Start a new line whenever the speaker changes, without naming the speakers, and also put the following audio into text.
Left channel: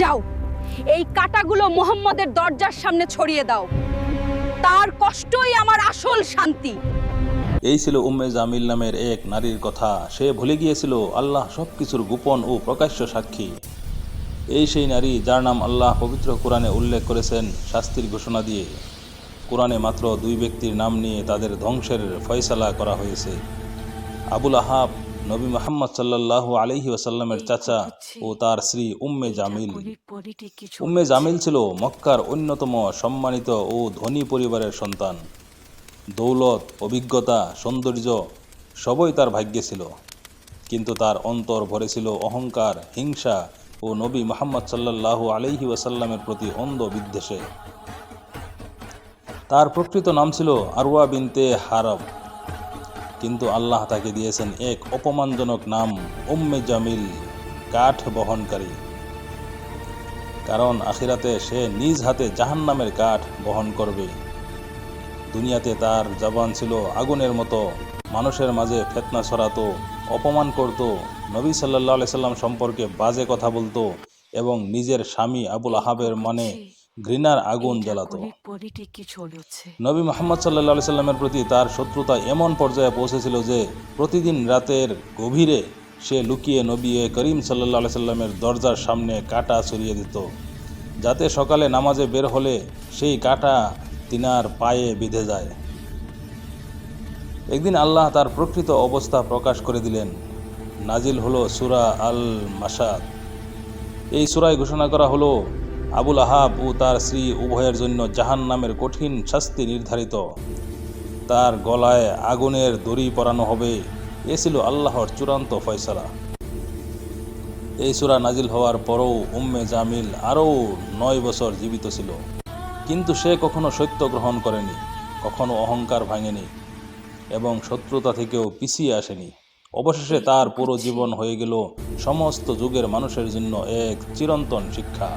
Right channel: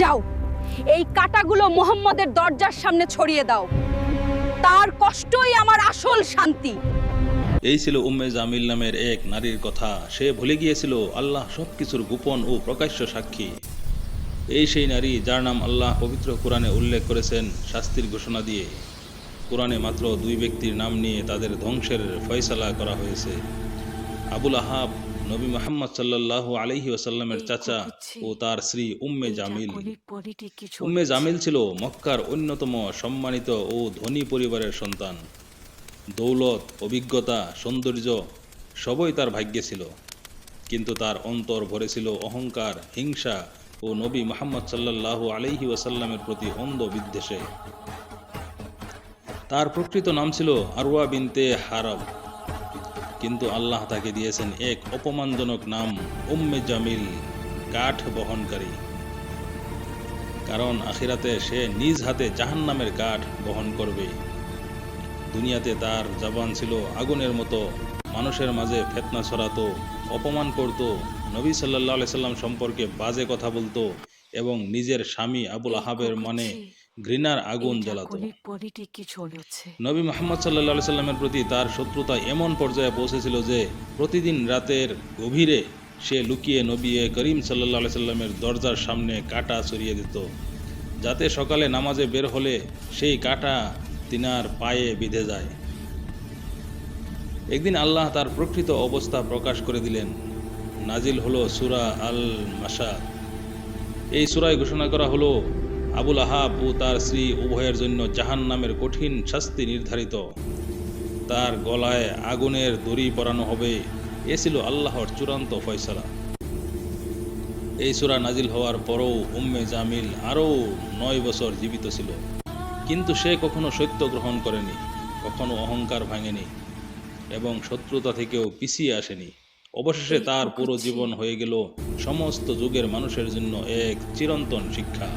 যাও, এই কাটাগুলো মোহাম্মদের দরজার সামনে ছড়িয়ে দাও। তার কষ্টই আমার আসল শান্তি।
এই ছিল উম্মে জামিল নামের এক নারীর কথা। সে ভুলে গিয়েছিল আল্লাহ সব কিছুর গোপন ও প্রকাশ্য সাক্ষী। এই সেই নারী যার নাম আল্লাহ পবিত্র কোরআনে উল্লেখ করেছেন শাস্তির ঘোষণা দিয়ে। কোরআনে মাত্র দুই ব্যক্তির নাম নিয়ে তাদের ধ্বংসের ফয়সালা করা হয়েছে। আবুল আহাব নবী মোহাম্মদ সাল্লাহ আলহি ওসাল্লামের চাচা ও তার স্ত্রী উম্মে জামিল। উম্মে জামিল ছিল মক্কার অন্যতম সম্মানিত ও ধনী পরিবারের সন্তান। দৌলত অভিজ্ঞতা সৌন্দর্য সবই তার ভাগ্যে ছিল। কিন্তু তার অন্তর ভরে ছিল অহংকার হিংসা ও নবী মোহাম্মদ সাল্লাল্লাহু আলাইহি ওয়াসাল্লামের প্রতি অন্ধ বিদ্বেষে। তার প্রকৃত নাম ছিল আরওয়া বিনতে হারব। কিন্তু আল্লাহ তাকে দিয়েছেন এক অপমানজনক নাম, উম্মে জামিল, কাঠ বহনকারী। কারণ আখিরাতে সে নিজ হাতে জাহান্নামের কাঠ বহন করবে। দুনিয়াতে তার জবান ছিল আগুনের মতো, মানুষের মাঝে ফেতনা ছড়াতো, অপমান করত, নবী সাল্লাহ সাল্লাম সম্পর্কে বাজে কথা বলতো এবং নিজের স্বামী আবুল আহাবের মানে ঘৃণার আগুন জ্বালাত। নবী মোহাম্মদ সাল্লাহ সাল্লামের প্রতি তার শত্রুতা এমন পর্যায়ে পৌঁছেছিল যে প্রতিদিন রাতের গভীরে সে লুকিয়ে নবী করিম সাল্লাহ সাল্লামের দরজার সামনে কাটা ছড়িয়ে দিত। যাতে সকালে নামাজে বের হলে সেই কাটা তিনার পায়ে বিঁধে যায়। একদিন আল্লাহ তার প্রকৃত অবস্থা প্রকাশ করে দিলেন। নাজিল হলো সুরা আল মাসাদ এই সুরায় ঘোষণা করা হলো আবুল আহাব ও তার স্ত্রী উভয়ের জন্য জাহান নামের কঠিন শাস্তি নির্ধারিত। তার গলায় আগুনের দড়ি পরানো হবে। এ ছিল আল্লাহর চূড়ান্ত ফয়সালা। এই সুরা নাজিল হওয়ার পরও উম্মে জামিল আরও নয় বছর জীবিত ছিল। কিন্তু সে কখনো সত্য গ্রহণ করেনি, কখনো অহংকার ভাঙেনি এবং শত্রুতা থেকেও পিছিয়ে আসেনি। অবশেষে তার পুরো জীবন হয়ে গেল সমস্ত যুগের মানুষের জন্য এক চিরন্তন শিক্ষা।